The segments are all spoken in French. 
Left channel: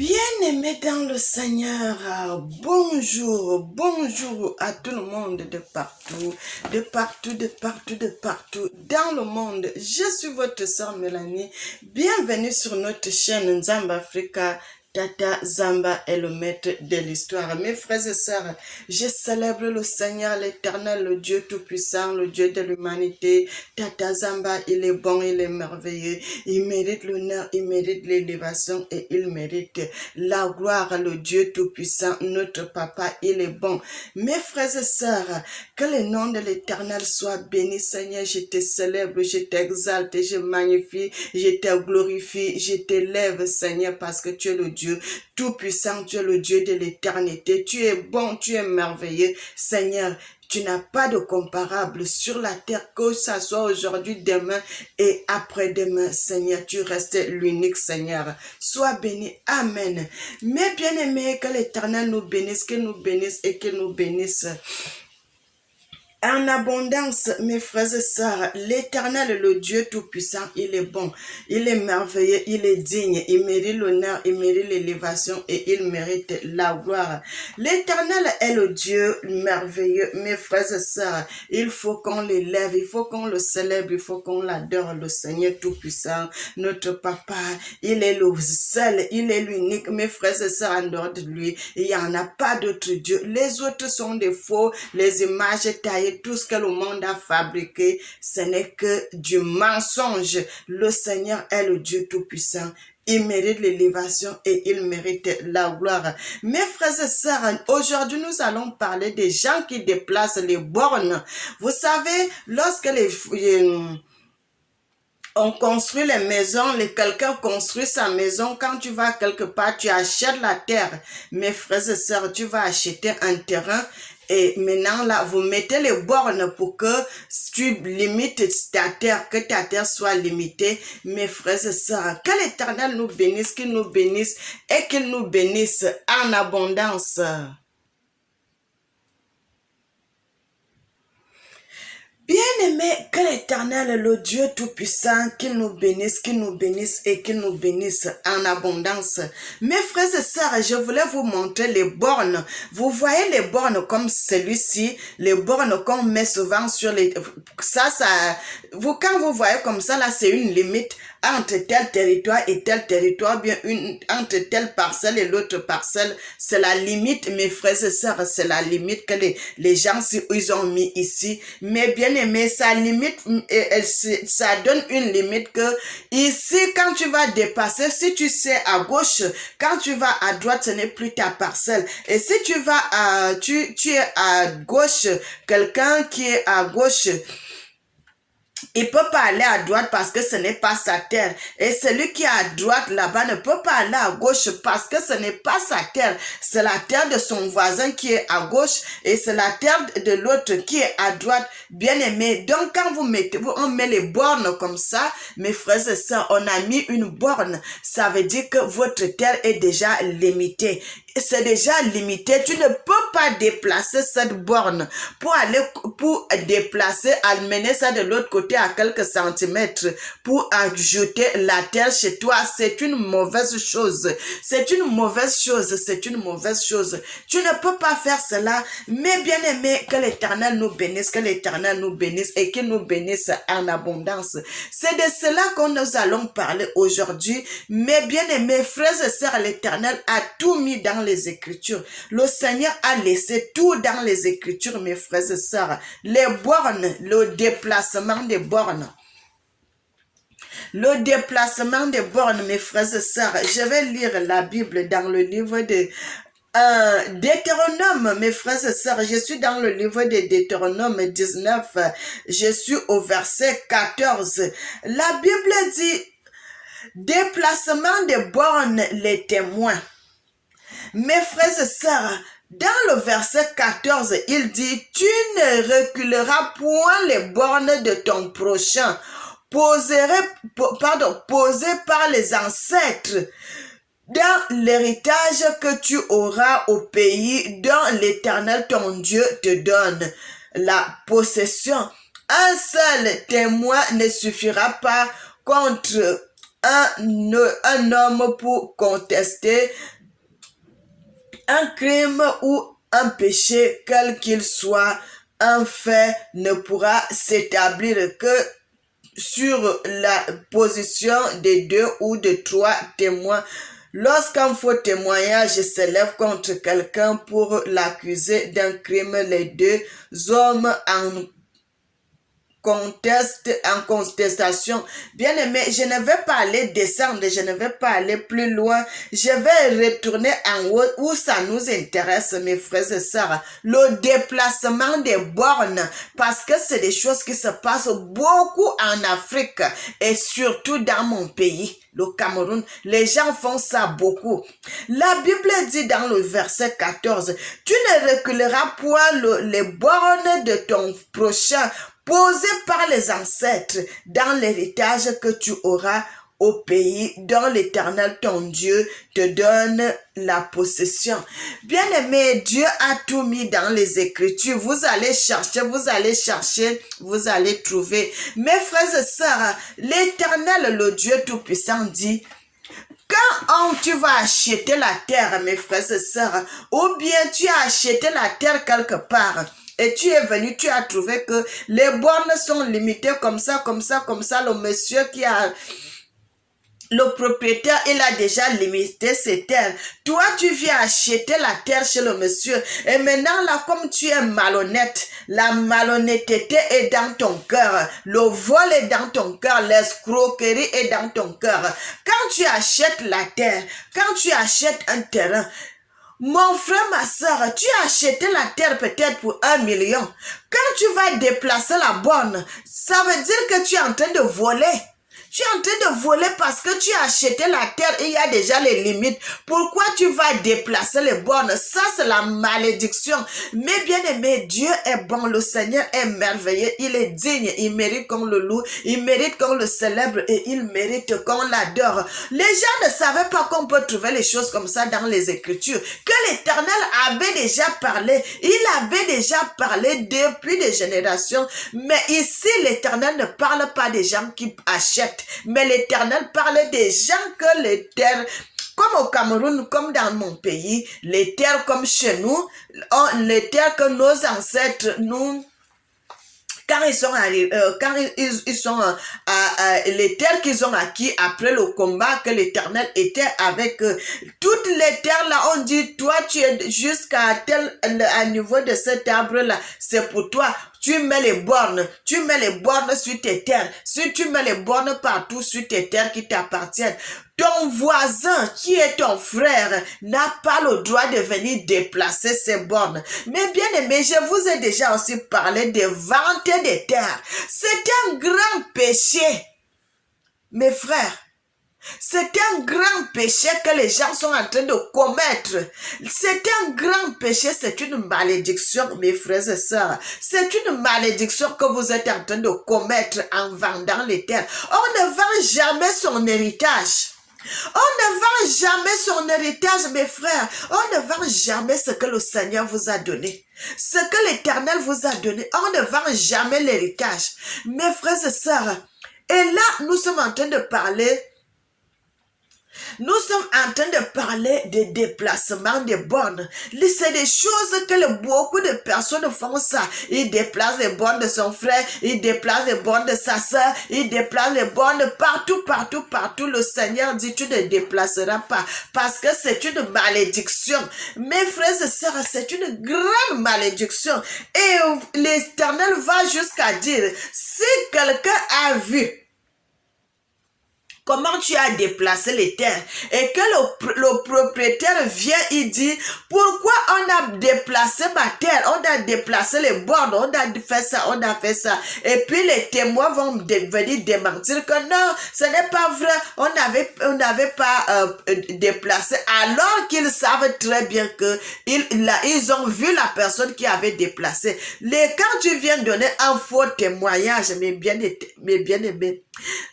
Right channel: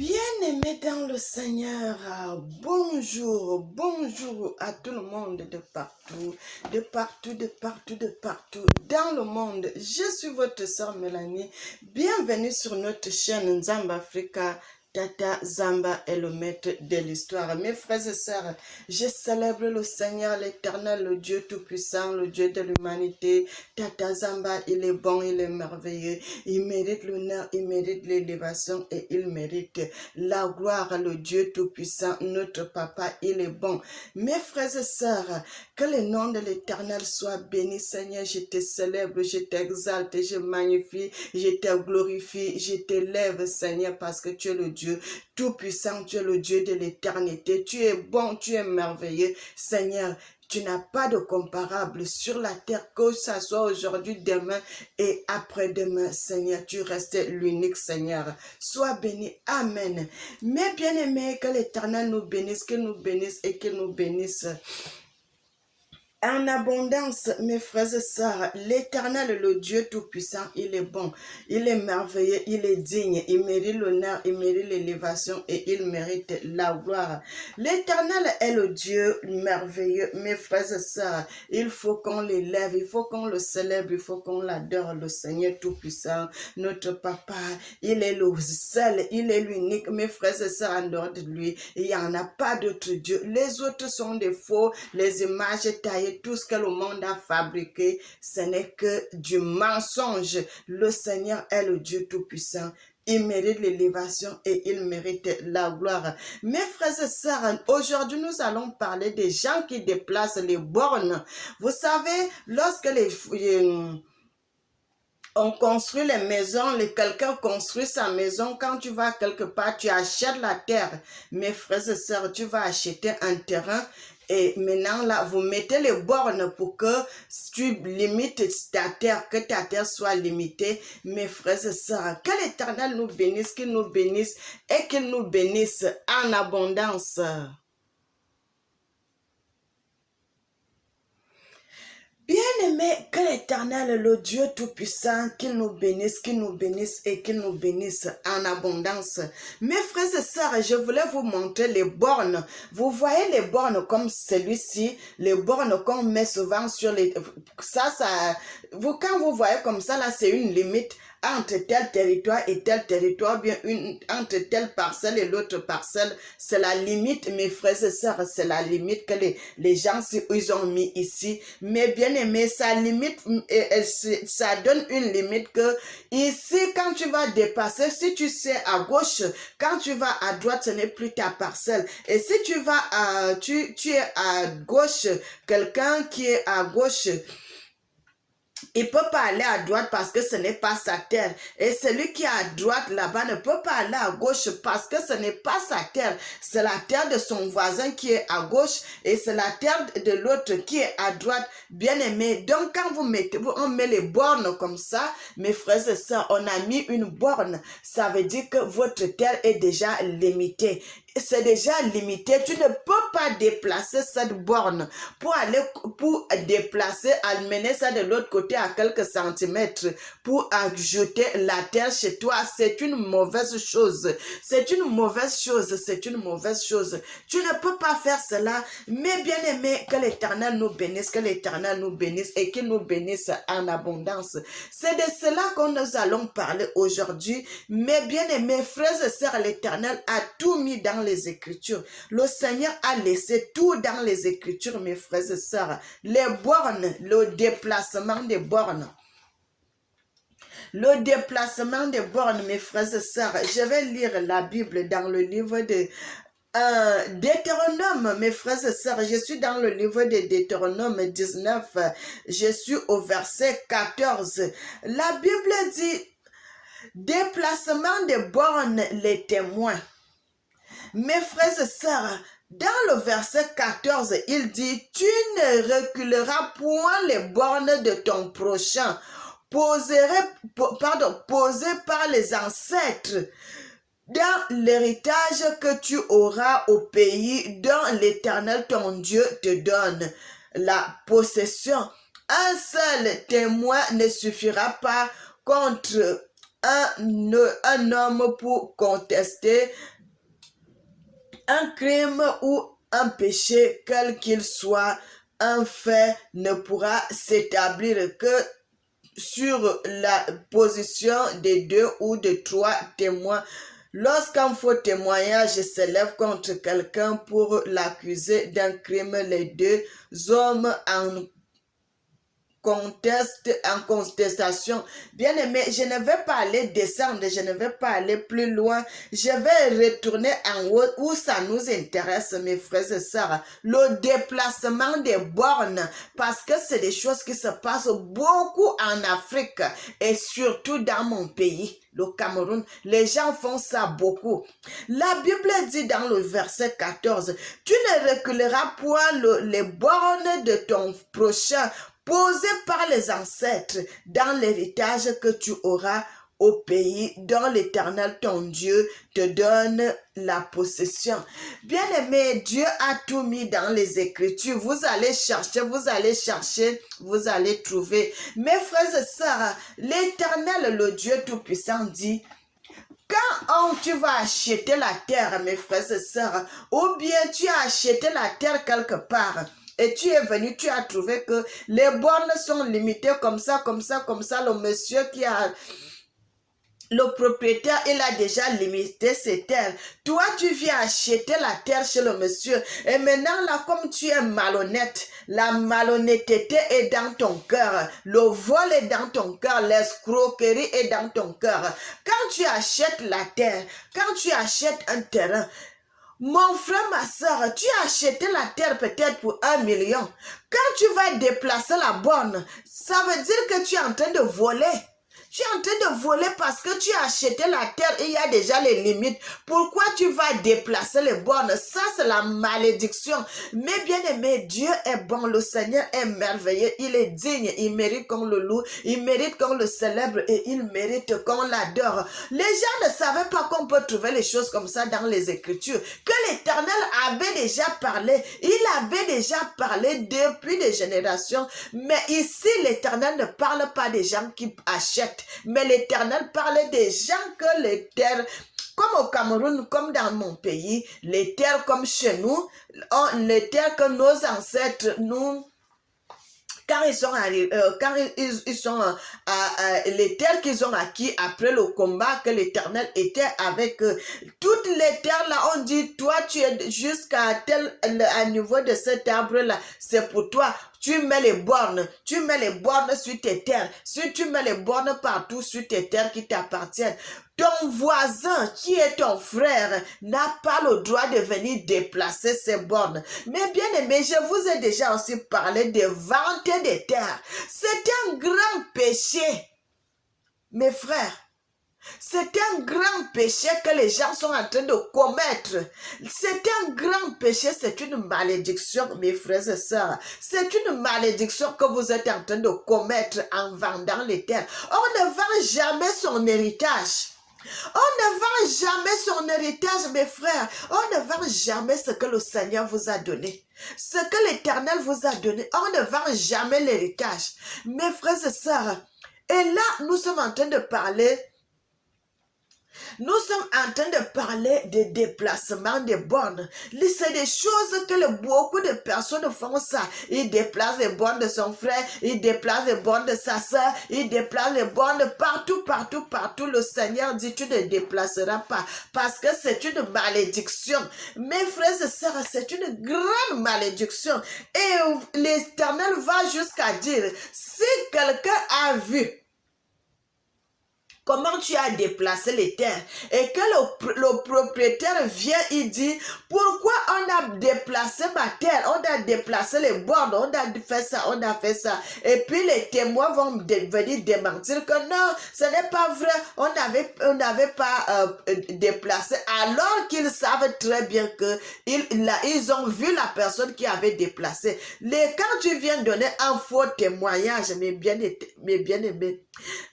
Bien-aimés dans le Seigneur, bonjour à tout le monde de partout, dans le monde. Je suis votre sœur Mélanie. Bienvenue sur notre chaîne Nzamba Africa. Tata Zamba est le maître de l'histoire. Mes frères et sœurs, je célèbre le Seigneur, l'Éternel, le Dieu Tout-Puissant, le Dieu de l'humanité. Tata Zamba, il est bon, il est merveilleux. Il mérite l'honneur, il mérite l'élévation et il mérite la gloire, le Dieu Tout-Puissant, notre Papa, il est bon. Mes frères et sœurs, que le nom de l'Éternel soit béni, Seigneur. Je te célèbre, je t'exalte, je magnifie, je te glorifie, je t'élève, Seigneur, parce que tu es le Dieu Tout-Puissant, tu es le Dieu de l'éternité. Tu es bon, tu es merveilleux, Seigneur. Tu n'as pas de comparable sur la terre, que ça soit aujourd'hui, demain et après-demain, Seigneur. Tu restes l'unique, Seigneur. Sois béni. Amen. Mes bien-aimés, que l'Éternel nous bénisse, qu'il nous bénisse et qu'il nous bénisse en abondance, mes frères et sœurs. L'Éternel, le Dieu Tout-Puissant, il est bon, il est merveilleux, il est digne, il mérite l'honneur, il mérite l'élévation et il mérite la gloire. L'Éternel est le Dieu merveilleux, mes frères et sœurs. Il faut qu'on l'élève, il faut qu'on le célèbre, il faut qu'on l'adore, le Seigneur Tout-Puissant, notre Papa. Il est le seul, il est l'unique, mes frères et sœurs, en dehors de lui. Il n'y en a pas d'autre Dieu. Les autres sont des faux, les images taillées, tout ce que le monde a fabriqué, ce n'est que du mensonge. Le Seigneur est le Dieu Tout-Puissant. Il mérite l'élévation et il mérite la gloire. Mes frères et sœurs, aujourd'hui nous allons parler des gens qui déplacent les bornes. Vous savez, lorsque on construit les maisons, quelqu'un construit sa maison, quand tu vas quelque part, tu achètes la terre. Mes frères et sœurs, tu vas acheter un terrain et maintenant là, vous mettez les bornes pour que tu limites ta terre, que ta terre soit limitée. Mes frères et sœurs, que l'Éternel nous bénisse, qu'il nous bénisse et qu'il nous bénisse en abondance. Bien-aimé, que l'Éternel, le Dieu Tout-Puissant, qu'il nous bénisse et qu'il nous bénisse en abondance. Mes frères et sœurs, je voulais vous montrer les bornes. Vous voyez les bornes comme celui-ci, les bornes qu'on met souvent sur les... quand vous voyez comme ça, là, c'est une limite entre tel territoire et tel territoire, bien entre telle parcelle et l'autre parcelle. C'est la limite, mes frères et sœurs, c'est la limite que les gens, ils ont mis ici. Mais bien aimé, ça limite, ça donne une limite que ici, quand tu vas dépasser, si tu sais à gauche, quand tu vas à droite, ce n'est plus ta parcelle. Et si tu vas tu es à gauche, quelqu'un qui est à gauche, il ne peut pas aller à droite parce que ce n'est pas sa terre. Et celui qui est à droite là-bas ne peut pas aller à gauche parce que ce n'est pas sa terre. C'est la terre de son voisin qui est à gauche et c'est la terre de l'autre qui est à droite. Bien aimé. Donc quand on met les bornes comme ça, mes frères et sœurs, on a mis une borne. Ça veut dire que votre terre est déjà limitée. C'est déjà limité. Tu ne peux pas déplacer cette borne pour déplacer, amener ça de l'autre côté à quelques centimètres pour ajouter la terre chez toi. C'est une mauvaise chose. C'est une mauvaise chose. C'est une mauvaise chose. Tu ne peux pas faire cela. Mais bien aimé, que l'Éternel nous bénisse, que l'Éternel nous bénisse et qu'il nous bénisse en abondance. C'est de cela que nous allons parler aujourd'hui. Mais bien aimé, frères et sœurs, l'Éternel a tout mis dans les Écritures. Le Seigneur a laissé tout dans les Écritures, mes frères et sœurs. Les bornes, le déplacement des bornes. Le déplacement des bornes, mes frères et sœurs. Je vais lire la Bible dans le livre de Deutéronome, mes frères et sœurs. Je suis dans le livre de Deutéronome 19. Je suis au verset 14. La Bible dit: déplacement des bornes, les témoins. Mes frères et sœurs, dans le verset 14, il dit: tu ne reculeras point les bornes de ton prochain, posées par les ancêtres, dans l'héritage que tu auras au pays dont l'Éternel ton Dieu te donne la possession. Un seul témoin ne suffira pas contre un homme pour contester un crime ou un péché, quel qu'il soit, un fait ne pourra s'établir que sur la position de 2 ou de 3 témoins. Lorsqu'un faux témoignage s'élève contre quelqu'un pour l'accuser d'un crime, les 2 hommes en contestation. Bien aimé, je ne vais pas aller descendre, je ne vais pas aller plus loin. Je vais retourner en haut où ça nous intéresse, mes frères et sœurs. Le déplacement des bornes, parce que c'est des choses qui se passent beaucoup en Afrique et surtout dans mon pays, le Cameroun. Les gens font ça beaucoup. La Bible dit dans le verset 14, tu ne reculeras point les bornes de ton prochain posé par les ancêtres dans l'héritage que tu auras au pays dont l'Éternel ton Dieu te donne la possession. Bien-aimé, Dieu a tout mis dans les Écritures. Vous allez chercher, vous allez trouver. Mes frères et sœurs, l'Éternel, le Dieu Tout-Puissant dit, quand tu vas acheter la terre, mes frères et sœurs, ou bien tu as acheté la terre quelque part, et tu es venu, tu as trouvé que les bornes sont limitées comme ça, le monsieur qui a... Le propriétaire, il a déjà limité ses terres. Toi, tu viens acheter la terre chez le monsieur. Et maintenant, là, comme tu es malhonnête, la malhonnêteté est dans ton cœur. Le vol est dans ton cœur. L'escroquerie est dans ton cœur. Quand tu achètes la terre, quand tu achètes un terrain, mon frère, ma soeur, tu as acheté la terre peut-être pour 1 million. Quand tu vas déplacer la borne, ça veut dire que tu es en train de voler. Tu es en train de voler parce que tu as acheté la terre et il y a déjà les limites. Pourquoi tu vas déplacer les bornes? Ça, c'est la malédiction. Mais bien aimé, Dieu est bon. Le Seigneur est merveilleux. Il est digne. Il mérite qu'on le loue. Il mérite qu'on le célèbre et il mérite qu'on l'adore. Les gens ne savaient pas qu'on peut trouver les choses comme ça dans les Écritures. Que l'Éternel avait déjà parlé. Il avait déjà parlé depuis des générations. Mais ici, l'Éternel ne parle pas des gens qui achètent. Mais l'Éternel parlait des gens que les terres, comme au Cameroun, comme dans mon pays, les terres comme chez nous, les terres que nos ancêtres, nous, quand ils sont arrivés, les terres qu'ils ont acquis après le combat que l'Éternel était avec eux, toutes les terres là, on dit, toi tu es jusqu'à à niveau de cet arbre là, c'est pour toi. Tu mets les bornes sur tes terres. Si tu mets les bornes partout sur tes terres qui t'appartiennent, ton voisin qui est ton frère n'a pas le droit de venir déplacer ses bornes. Mais bien aimé, je vous ai déjà aussi parlé de vente des terres. C'est un grand péché, mes frères. C'est un grand péché que les gens sont en train de commettre. C'est un grand péché, c'est une malédiction, mes frères et sœurs. C'est une malédiction que vous êtes en train de commettre en vendant les terres. On ne vend jamais son héritage. On ne vend jamais son héritage, mes frères. On ne vend jamais ce que le Seigneur vous a donné. Ce que l'Éternel vous a donné. On ne vend jamais l'héritage. Mes frères et sœurs, et là, nous sommes en train de parler de déplacement des bornes. C'est des choses que beaucoup de personnes font ça. Ils déplacent les bornes de son frère, ils déplacent les bornes de sa soeur, ils déplacent les bornes partout. Le Seigneur dit, tu ne déplaceras pas parce que c'est une malédiction. Mes frères et sœurs, c'est une grande malédiction. Et l'Éternel va jusqu'à dire, si quelqu'un a vu comment tu as déplacé les terres et que le propriétaire vient, il dit, pourquoi on a déplacé ma terre, on a déplacé les bornes, on a fait ça. Et puis les témoins vont venir démentir que non, ce n'est pas vrai, on n'avait pas déplacé, alors qu'ils savent très bien que ils ont vu la personne qui avait déplacé. Quand tu viens donner un faux témoignage, mes bien-aimés,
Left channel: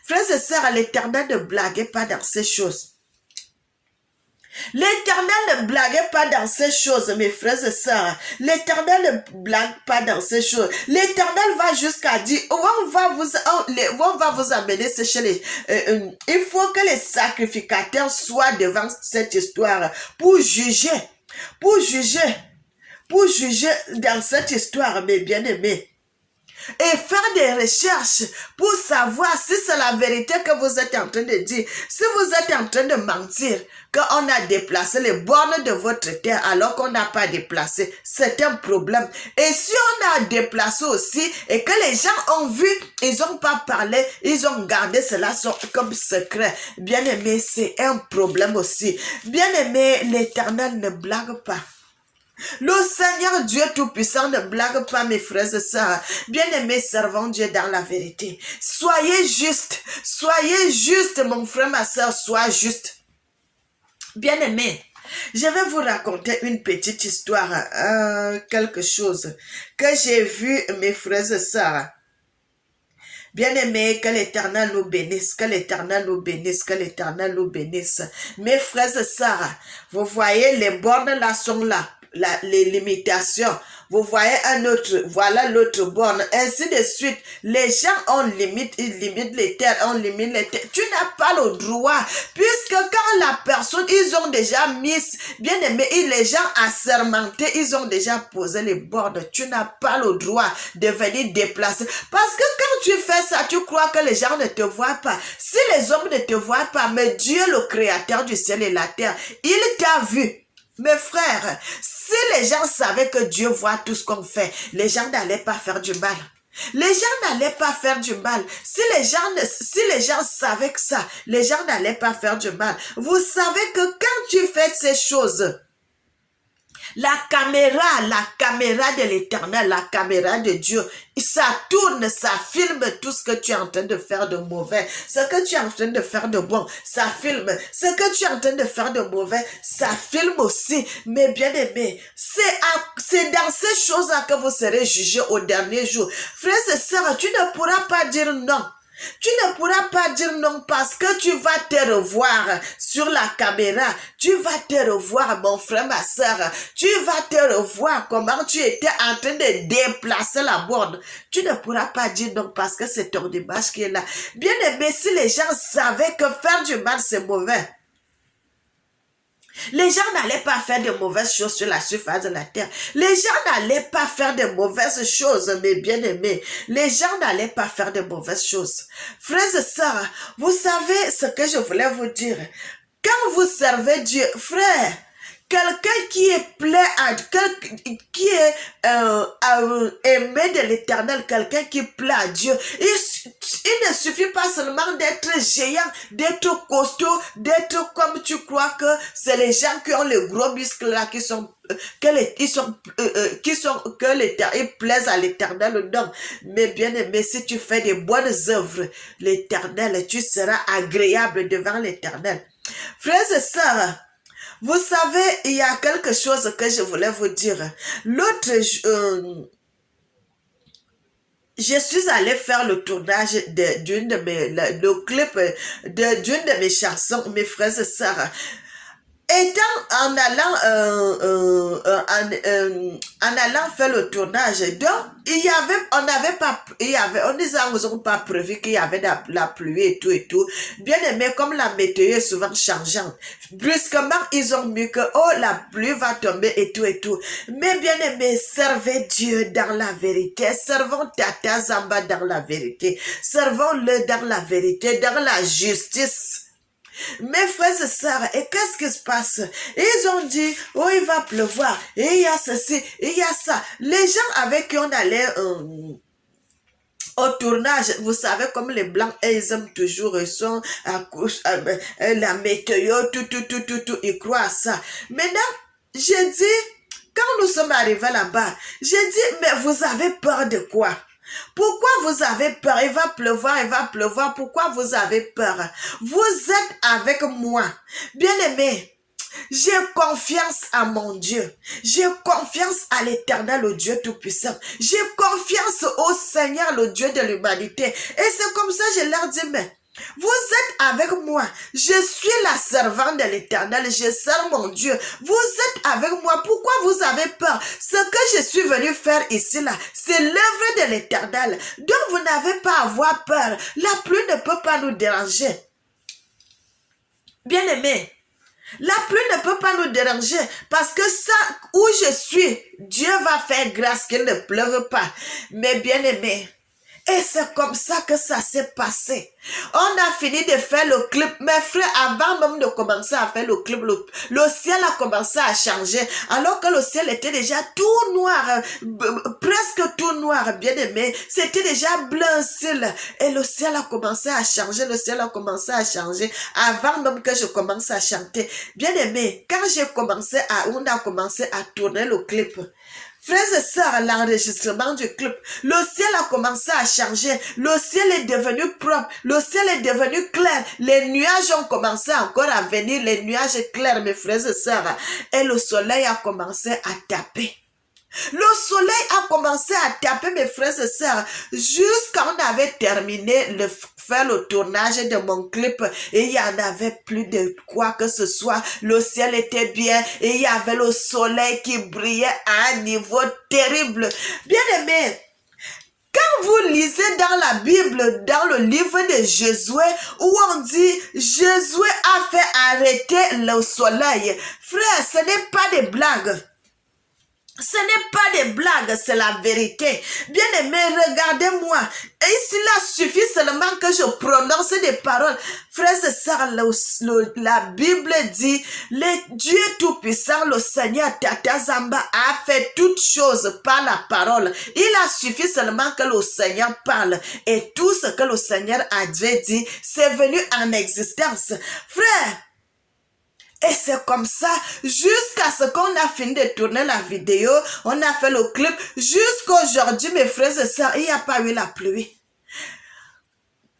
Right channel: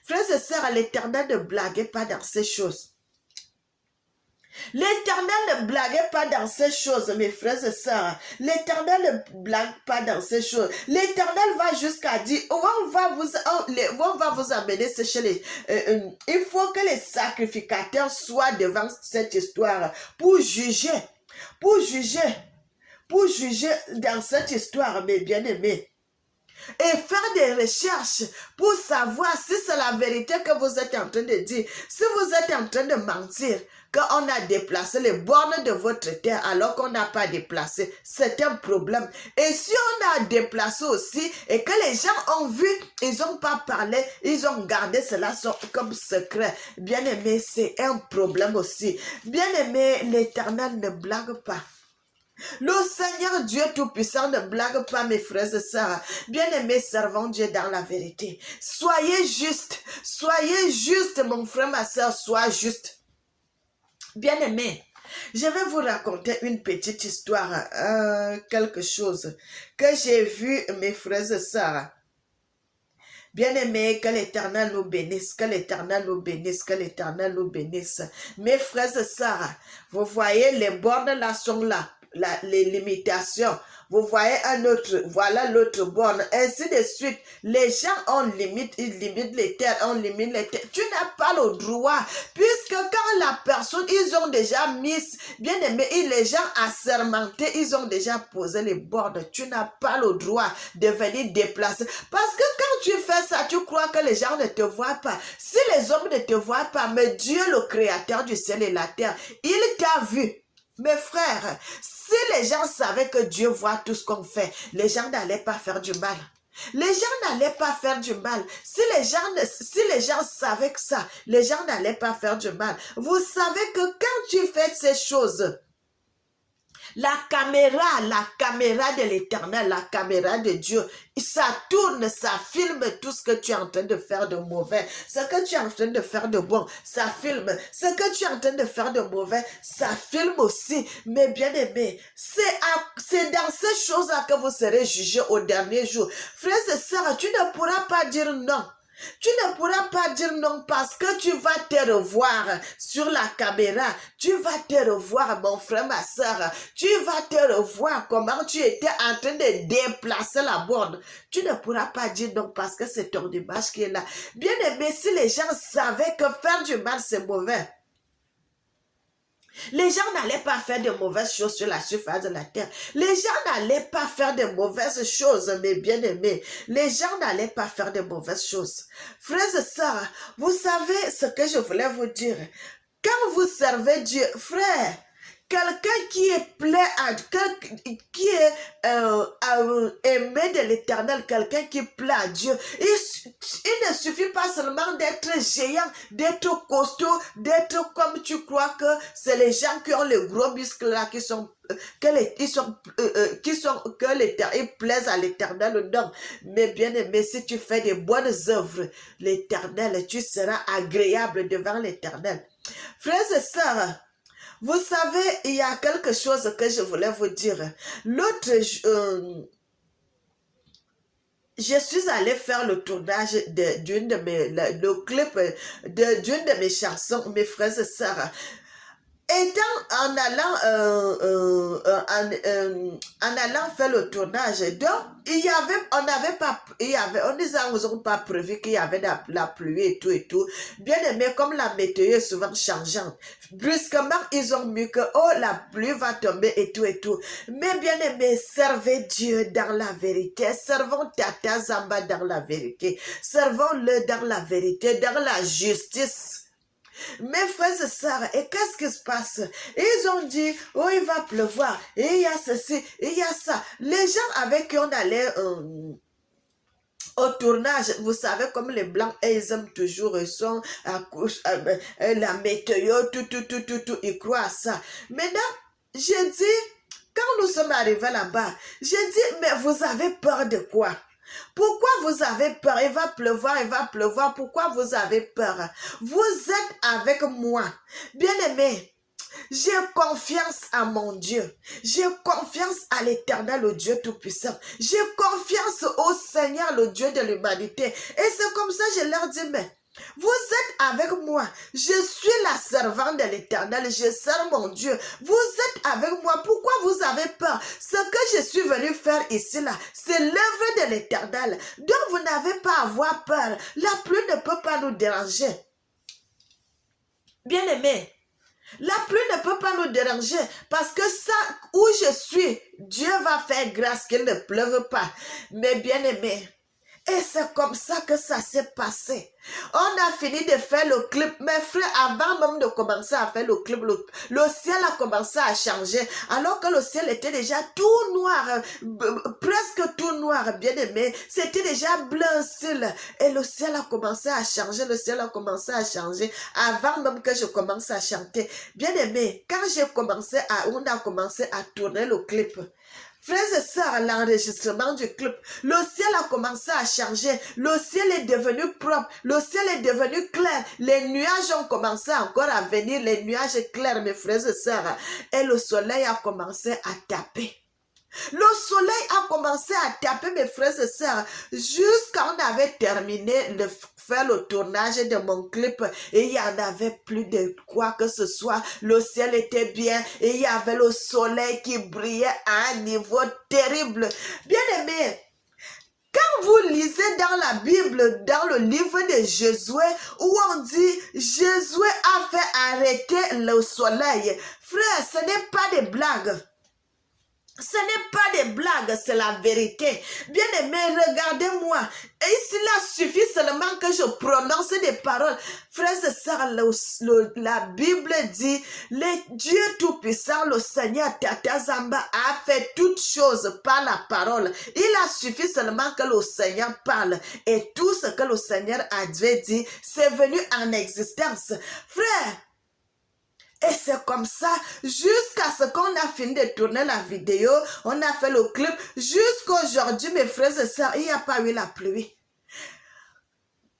frères et sœurs, l'Éternel ne blaguez pas dans ces choses. L'Éternel ne blague pas dans ces choses, mes frères et sœurs. L'Éternel ne blague pas dans ces choses. L'Éternel va jusqu'à dire, on va vous amener chez les... il faut que les sacrificateurs soient devant cette histoire pour juger. Pour juger dans cette histoire, mes bien-aimés. Et faire des recherches pour savoir si c'est la vérité que vous êtes en train de dire. Si vous êtes en train de mentir, qu'on a déplacé les bornes de votre terre alors qu'on n'a pas déplacé, c'est un problème. Et si on a déplacé aussi et que les gens ont vu, ils n'ont pas parlé, ils ont gardé cela comme secret. Bien aimé, c'est un problème aussi. Bien aimé, l'Éternel ne blague pas. Le Seigneur Dieu Tout-Puissant ne blague pas, mes frères et sœurs. Bien-aimés, servons Dieu dans la vérité. Soyez juste, mon frère, ma sœur, sois juste. Bien-aimés, je vais vous raconter une petite histoire, quelque chose que j'ai vu, mes frères et sœurs. Bien-aimés, que l'Éternel nous bénisse, que l'Éternel nous bénisse, que l'Éternel nous bénisse. Mes frères et sœurs, vous voyez, les bornes là sont là. Les limitations. Vous voyez un autre, voilà l'autre borne, ainsi de suite. Les gens ont limite, ils limitent les terres, on limite les terres. Tu n'as pas le droit, puisque quand la personne, ils ont déjà mis, bien aimé, les gens assermentés, ils ont déjà posé les bornes. Tu n'as pas le droit de venir déplacer. Parce que quand tu fais ça, tu crois que les gens ne te voient pas. Si les hommes ne te voient pas, mais Dieu, le créateur du ciel et la terre, il t'a vu. Mes frères, si les gens savaient que Dieu voit tout ce qu'on fait, les gens n'allaient pas faire du mal. Les gens n'allaient pas faire du mal. Si les gens savaient que ça, les gens n'allaient pas faire du mal. Vous savez que quand tu fais ces choses, la caméra de l'Éternel, la caméra de Dieu, ça tourne, ça filme tout ce que tu es en train de faire de mauvais. Ce que tu es en train de faire de bon, ça filme. Ce que tu es en train de faire de mauvais, ça filme aussi. Mais bien aimé, c'est dans ces choses-là que vous serez jugés au dernier jour. Frères et sœurs, tu ne pourras pas dire non. Tu ne pourras pas dire non parce que tu vas te revoir sur la caméra. Tu vas te revoir, mon frère, ma soeur. Tu vas te revoir comment tu étais en train de déplacer la borne. Tu ne pourras pas dire non parce que c'est ton image qui est là. Bien aimé, si les gens savaient que faire du mal, c'est mauvais. Les gens n'allaient pas faire de mauvaises choses sur la surface de la terre. Les gens n'allaient pas faire de mauvaises choses, mes bien-aimés. Les gens n'allaient pas faire de mauvaises choses. Frères et sœurs, vous savez ce que je voulais vous dire. Quand vous servez Dieu, frère, quelqu'un qui est qui est aimé de l'Éternel, quelqu'un qui plaît à Dieu, il ne suffit pas seulement d'être géant, d'être costaud, d'être comme tu crois que c'est les gens qui ont les gros muscles là qui sont ils plaisent à l'Éternel. Non, mais bien aimé, si tu fais des bonnes œuvres, l'Éternel, tu seras agréable devant l'Éternel. Frères et sœurs, vous savez, il y a quelque chose que je voulais vous dire. L'autre, je suis allée faire le tournage d'une de mes chansons, mes frères et sœurs. Étant en allant faire le tournage, donc on nous a pas prévu qu'il y avait la pluie et tout. Bien aimé, comme la météo est souvent changeante, brusquement ils ont mis que la pluie va tomber et tout. Mais bien aimé, servez Dieu dans la vérité, servons Tata Zamba dans la vérité, servons-le dans la vérité, dans la justice. Mes frères et sœurs, et qu'est-ce qui se passe? Ils ont dit, il va pleuvoir, et il y a ceci, il y a ça. Les gens avec qui on allait au tournage, vous savez, comme les Blancs, ils aiment toujours, ils sont la météo, tout, ils croient à ça. Maintenant, j'ai dit, quand nous sommes arrivés là-bas, j'ai dit, mais vous avez peur de quoi? Pourquoi vous avez peur? Il va pleuvoir. Pourquoi vous avez peur? Vous êtes avec moi. Bien-aimé, j'ai confiance à mon Dieu. J'ai confiance à l'Éternel, le Dieu Tout-Puissant. J'ai confiance au Seigneur, le Dieu de l'humanité. Et c'est comme ça que je leur dis, mais Vous êtes avec moi. Je suis la servante de l'Éternel. Je sers mon Dieu. Vous êtes avec moi. Pourquoi vous avez peur? Ce que je suis venu faire ici, là, c'est l'œuvre de l'Éternel. Donc, vous n'avez pas à avoir peur. La pluie ne peut pas nous déranger. Bien-aimés, la pluie ne peut pas nous déranger parce que ça, où je suis, Dieu va faire grâce qu'il ne pleuve pas. Mais bien-aimés, et c'est comme ça que ça s'est passé. On a fini de faire le clip. Mes frères, avant même de commencer à faire le clip, le ciel a commencé à changer. Alors que le ciel était déjà tout noir, presque tout noir, bien aimé. C'était déjà bleu ciel. Et le ciel a commencé à changer. Le ciel a commencé à changer avant même que je commence à chanter. Bien aimé, quand on a commencé à tourner le clip, frères et sœurs, l'enregistrement du clip, le ciel a commencé à changer, le ciel est devenu propre, le ciel est devenu clair, les nuages ont commencé encore à venir, les nuages clairs, mes frères et sœurs, et le soleil a commencé à taper. Le soleil a commencé à taper, mes frères et sœurs, jusqu'à on avait terminé de faire le tournage de mon clip et il n'y en avait plus de quoi que ce soit. Le ciel était bien et il y avait le soleil qui brillait à un niveau terrible. Bien aimé, quand vous lisez dans la Bible, dans le livre de Josué, où on dit Josué a fait arrêter le soleil, frère, ce n'est pas des blagues. Ce n'est pas des blagues, c'est la vérité. Bien-aimé, regardez-moi. Et cela suffit seulement que je prononce des paroles. Frères et sœurs, la Bible dit, le Dieu Tout-Puissant, le Seigneur Tata Zamba, a fait toutes choses par la parole. Il a suffi seulement que le Seigneur parle. Et tout ce que le Seigneur avait dit, c'est venu en existence. Frère, et c'est comme ça, jusqu'à ce qu'on a fini de tourner la vidéo, on a fait le clip, jusqu'à aujourd'hui, mes frères et sœurs, il n'y a pas eu la pluie.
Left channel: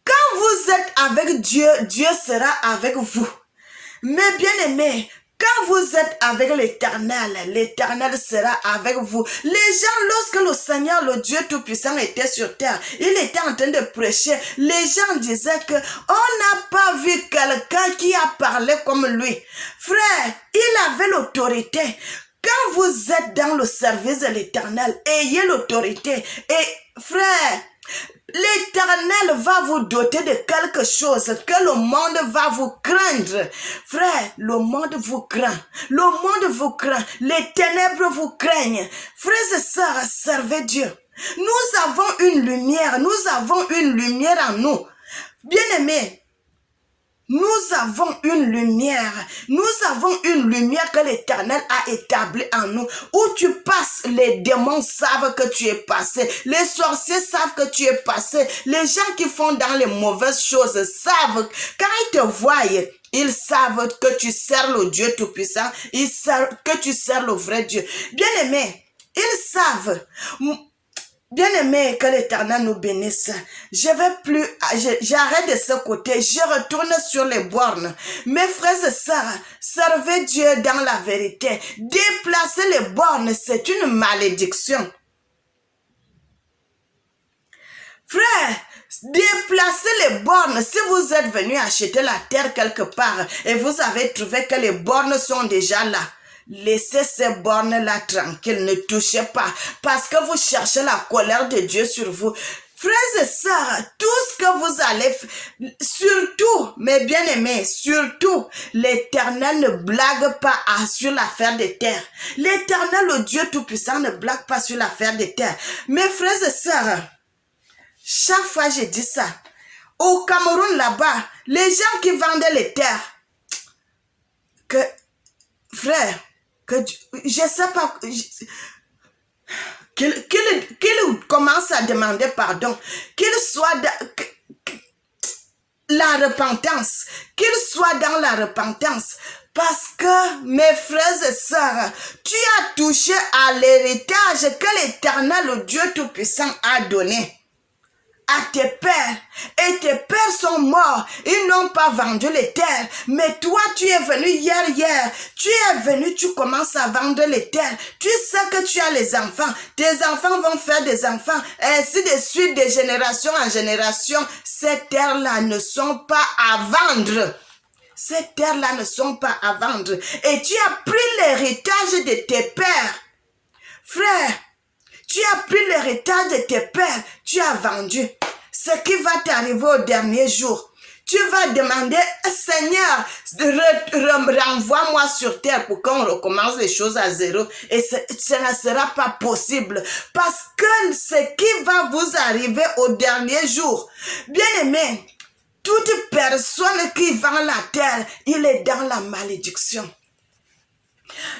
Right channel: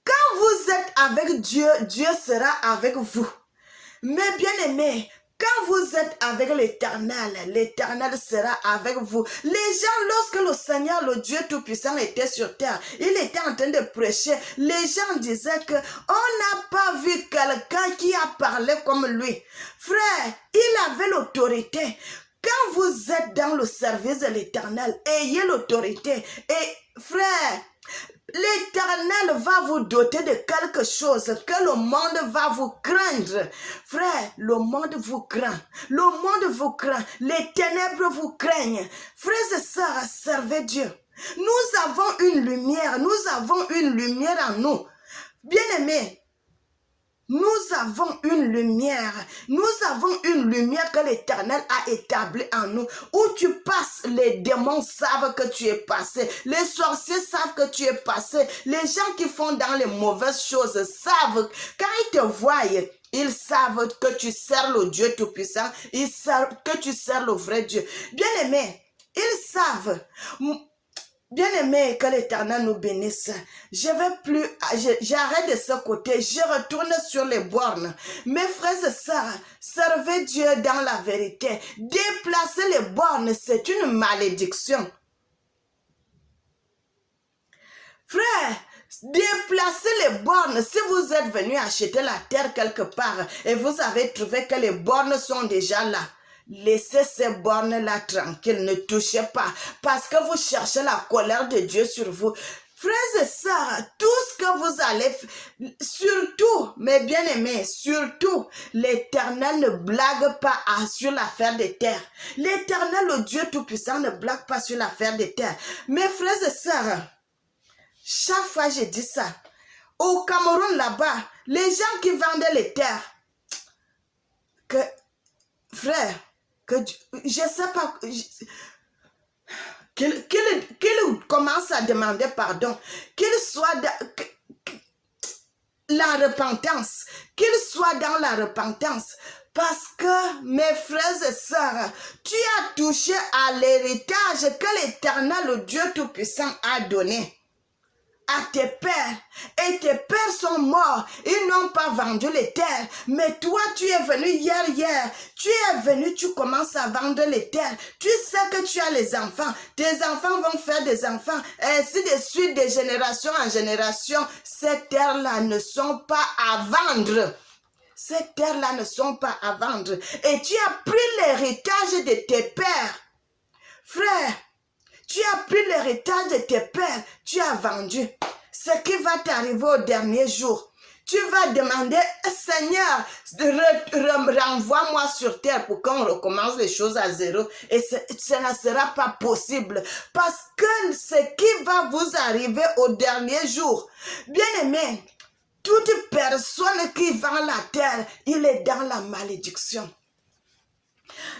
Quand vous êtes avec Dieu, Dieu sera avec vous. Mais bien aimés, quand vous êtes avec l'Éternel, l'Éternel sera avec vous. Les gens, lorsque le Seigneur, le Dieu Tout-Puissant était sur terre, il était en train de prêcher. Les gens disaient que on n'a pas vu quelqu'un qui a parlé comme lui. Frère, il avait l'autorité. Quand vous êtes dans le service de l'Éternel, ayez l'autorité. Et frère, l'Éternel va vous doter de quelque chose que le monde va vous craindre. Frère, le monde vous craint. Le monde vous craint. Les ténèbres vous craignent. Frères et sœurs, servez Dieu. Nous avons une lumière. Nous avons une lumière en nous. Bien-aimés, nous avons une lumière. Nous avons une lumière que l'Éternel a établie en nous. Où tu passes, les démons savent que tu es passé. Les sorciers savent que tu es passé. Les gens qui font dans les mauvaises choses savent. Quand ils te voient, ils savent que tu sers le Dieu Tout-Puissant. Ils savent que tu sers le vrai Dieu. Bien-aimés, ils savent. Bien-aimé, que l'Éternel nous bénisse. J'arrête de ce côté, je retourne sur les bornes. Mes frères et sœurs, servez Dieu dans la vérité. Déplacer les bornes, c'est une malédiction. Frère, déplacer les bornes, si vous êtes venu acheter la terre quelque part et vous avez trouvé que les bornes sont déjà là, laissez ces bornes-là tranquilles, ne touchez pas, parce que vous cherchez la colère de Dieu sur vous. Frères et sœurs, tout ce que vous allez faire, surtout, mes bien-aimés, surtout, l'Éternel ne blague pas sur l'affaire des terres. L'Éternel, le Dieu Tout-Puissant, ne blague pas sur l'affaire des terres. Mes frères et sœurs, chaque fois je dis ça, au Cameroun là-bas, les gens qui vendaient les terres, que, frère, que je sais pas, qu'il commence à demander pardon, qu'il soit la repentance, qu'il soit dans la repentance. Parce que, mes frères et sœurs, tu as touché à l'héritage que l'Éternel, le Dieu Tout-Puissant, a donné. à tes pères, et tes pères sont morts, ils n'ont pas vendu les terres, mais toi tu es venu hier, tu es venu, tu commences à vendre les terres, tu sais que tu as les enfants, tes enfants vont faire des enfants, ainsi de suite, de génération en génération, ces terres-là ne sont pas à vendre. Ces terres-là ne sont pas à vendre. Et tu as pris l'héritage de tes pères. Frère, tu as pris l'héritage de tes pères. Tu as vendu. Ce qui va t'arriver au dernier jour. Tu vas demander, Seigneur, renvoie-moi sur terre pour qu'on recommence les choses à zéro. Et ce ne sera pas possible. Parce que ce qui va vous arriver au dernier jour, bien aimé, toute personne qui vend la terre, il est dans la malédiction.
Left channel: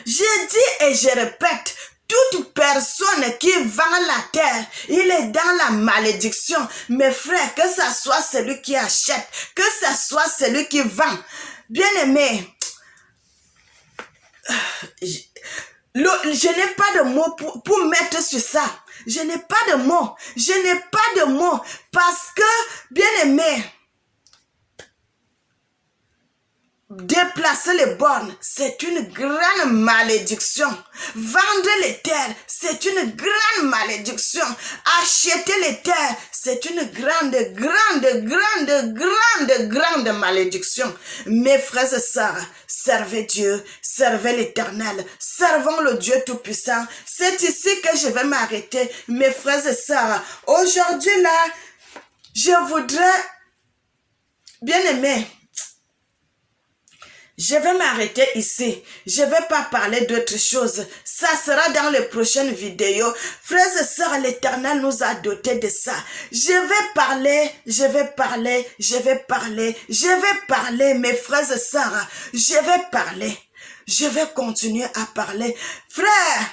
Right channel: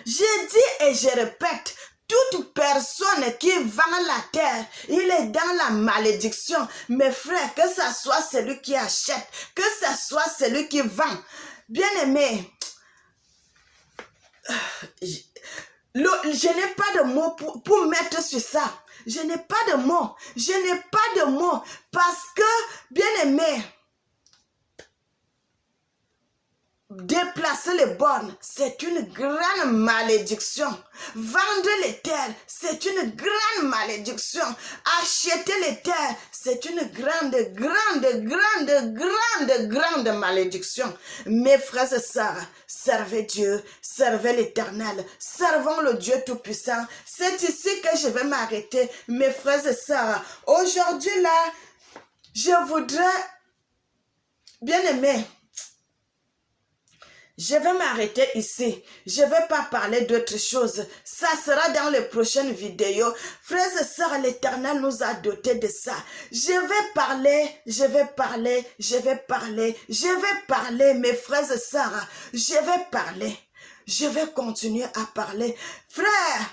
Je dis et je répète, toute personne qui vend la terre, il est dans la malédiction. Mes frères, que ce soit celui qui achète, que ce soit celui qui vend. Bien aimé, je n'ai pas de mots pour mettre sur ça. Je n'ai pas de mots. Je n'ai pas de mots. Parce que, bien aimé, déplacer les bornes, c'est une grande malédiction. Vendre les terres, c'est une grande malédiction. Acheter les terres, c'est une grande malédiction. Mes frères et sœurs, servez Dieu, servez l'Éternel, servons le Dieu Tout-Puissant. C'est ici que je vais m'arrêter, mes frères et sœurs. Aujourd'hui là, je voudrais, bien aimé, je vais m'arrêter ici. Je ne vais pas parler d'autre chose. Ça sera dans les prochaines vidéos. Frères et sœurs, l'Éternel nous a dotés de ça. Je vais parler, mes frères et sœurs. Je vais parler. Je vais continuer à parler. Frère,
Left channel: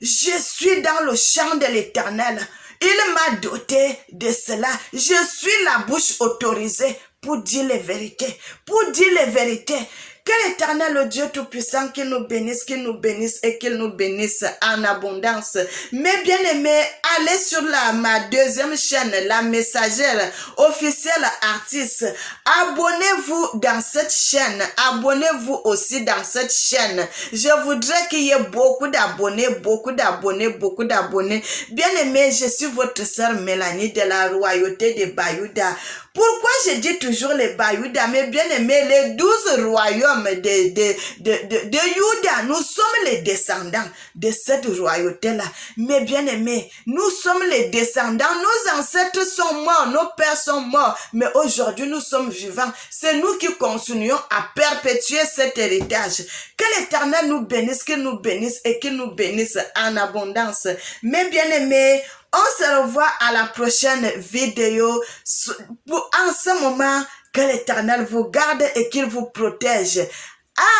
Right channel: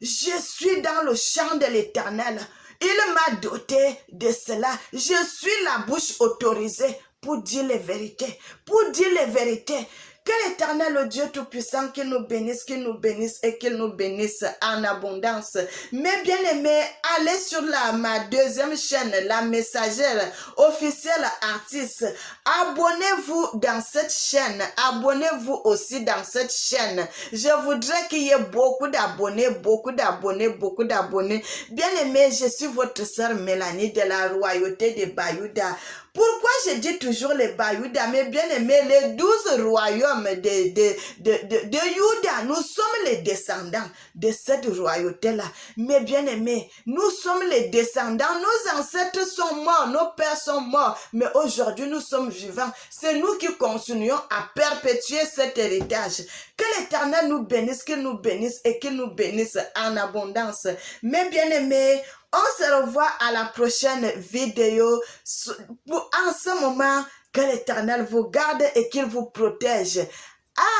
je suis dans le champ de l'Éternel. Il m'a doté de cela. Je suis la bouche autorisée pour dire les vérités. Pour dire les vérités. Que l'Éternel, le Dieu Tout-Puissant, qu'il nous bénisse et qu'il nous bénisse en abondance. Mais bien aimés, allez sur ma deuxième chaîne, la messagère officielle artiste. Abonnez-vous dans cette chaîne. Abonnez-vous aussi dans cette chaîne. Je voudrais qu'il y ait beaucoup d'abonnés. Bien aimés, je suis votre sœur Mélanie de la royauté de Bayouda. Pourquoi je dis toujours les Bayouda, mais bien aimés, les 12 royaumes de Juda, nous sommes les descendants de cette royauté-là. Mais bien aimés, nous sommes les descendants, nos ancêtres sont morts, nos pères sont morts, mais aujourd'hui nous sommes vivants. C'est nous qui continuons à perpétuer cet héritage. Que l'Éternel nous bénisse, qu'il nous bénisse et qu'il nous bénisse en abondance. Mais bien aimés, on se revoit à la prochaine vidéo. En ce moment, que l'Éternel vous garde et qu'il vous protège.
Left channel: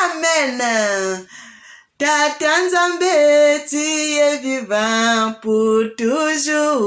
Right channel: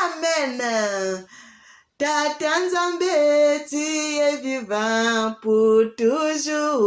Amen. Tata Nzambe, tu es vivant pour toujours.